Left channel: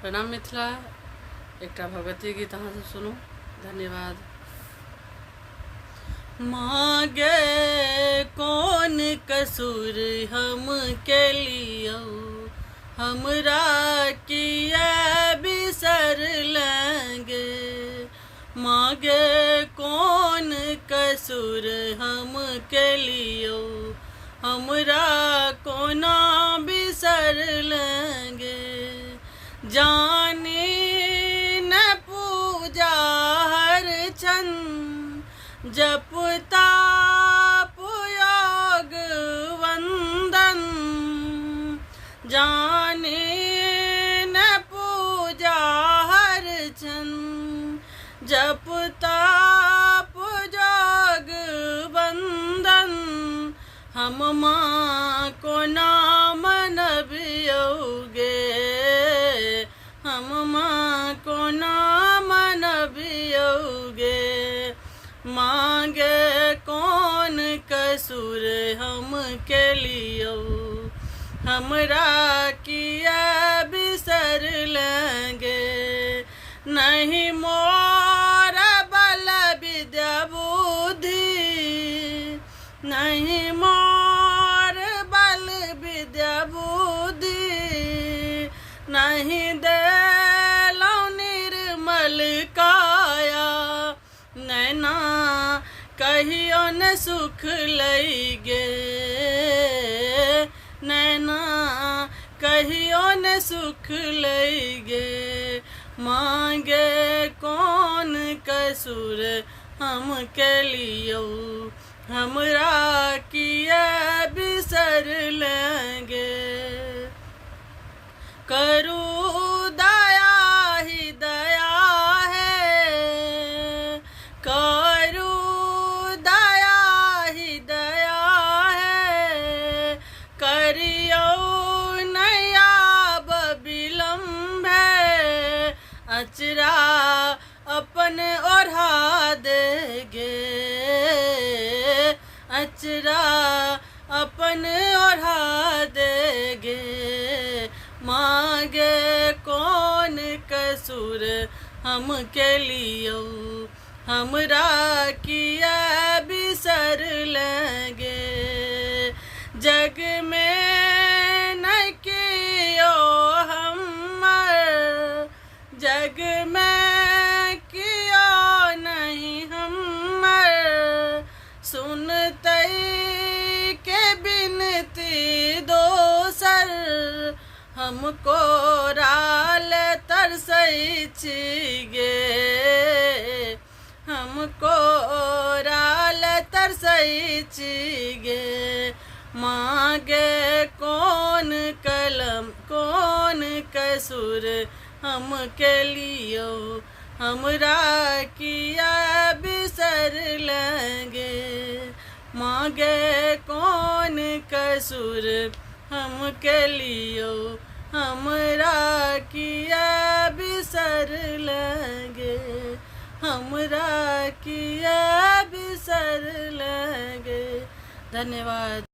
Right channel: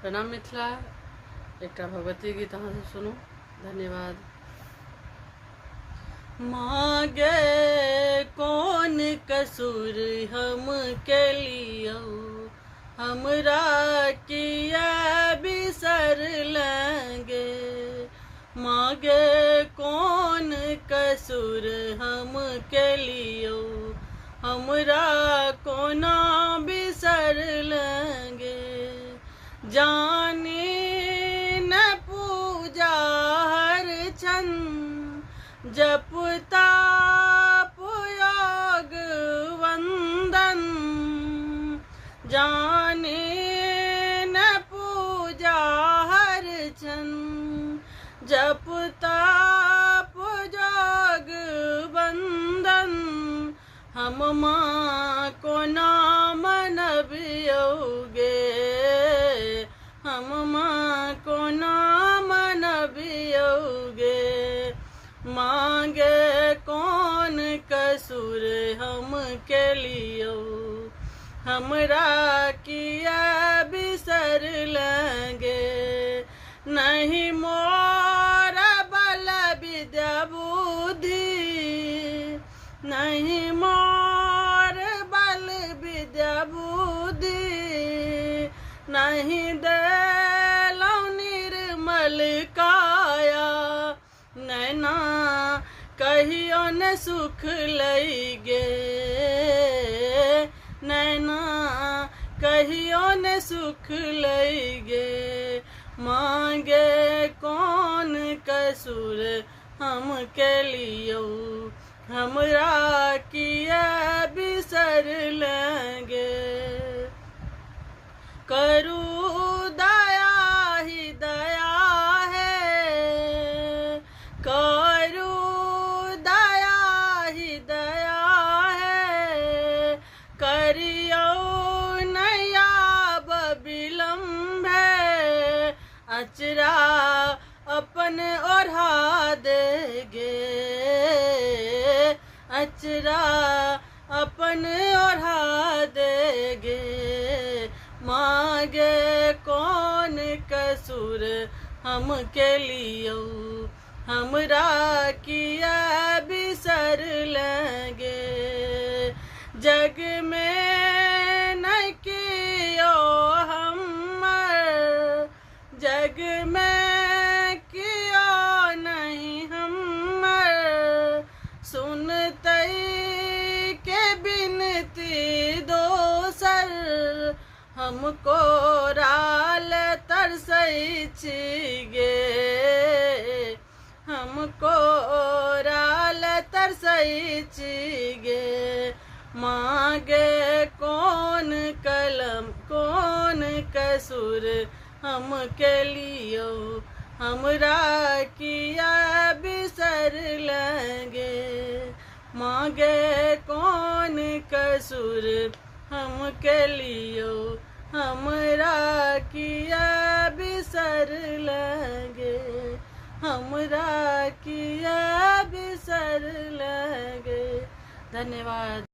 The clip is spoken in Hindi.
प्रणाम मिथिला। एक भगवती गीत अहाँ से सुनू। धन्यवाद। मागे कौन कसूर हम के लियो, हमरा किया बिसर लेंगे। मागे कौन कसूर हम के लियो, हमरा कोना बिसर लेंगे। जानी न पूजा हर छन, जपता योग वंदन। जाने न पूजा हर छन, जपता योग वंदन। हम माँ को नाम नबियोगे, हम माँ को नाम नबियोगे। मांगे कौन कसूर हम के लियो, हमरा किया बिसर लेंगे। नहीं मोर बल विद्या बुद्धि, नहीं मोर बल विद्या बुद्धि। नहीं देलौ निर्मल काया, नैना कहियो न सुख लैगे। नैना कहियो न सुख लैगे। मांगे कौन कसूर हम के लियो, हमरा किया बिसर लेंगे। करू दया ही दया है, करू दया ही दया है। करियो नया विलम्ब है, अचरा अपन ओढ़ा देगे। अचरा अपन ओढ़ा देगे। मांगे कौन कसूर हम के लियो, हमरा किया बिसर लेंगे। जग में न कियो हमर, जग में कियो नहीं हमर। सुनते के बिनती दोसर, हमको राल तरसै छिगे। हमको राल तरसै छिगे। मांगे कौन कलम कौन कसूर हम के लियो, हमरा किया बिसर लेंगे। मांगे कौन कसूर हम के लियो, हमरा किया बिसर लेंगे। हमरा किया बिसर लेंगे। धन्यवाद।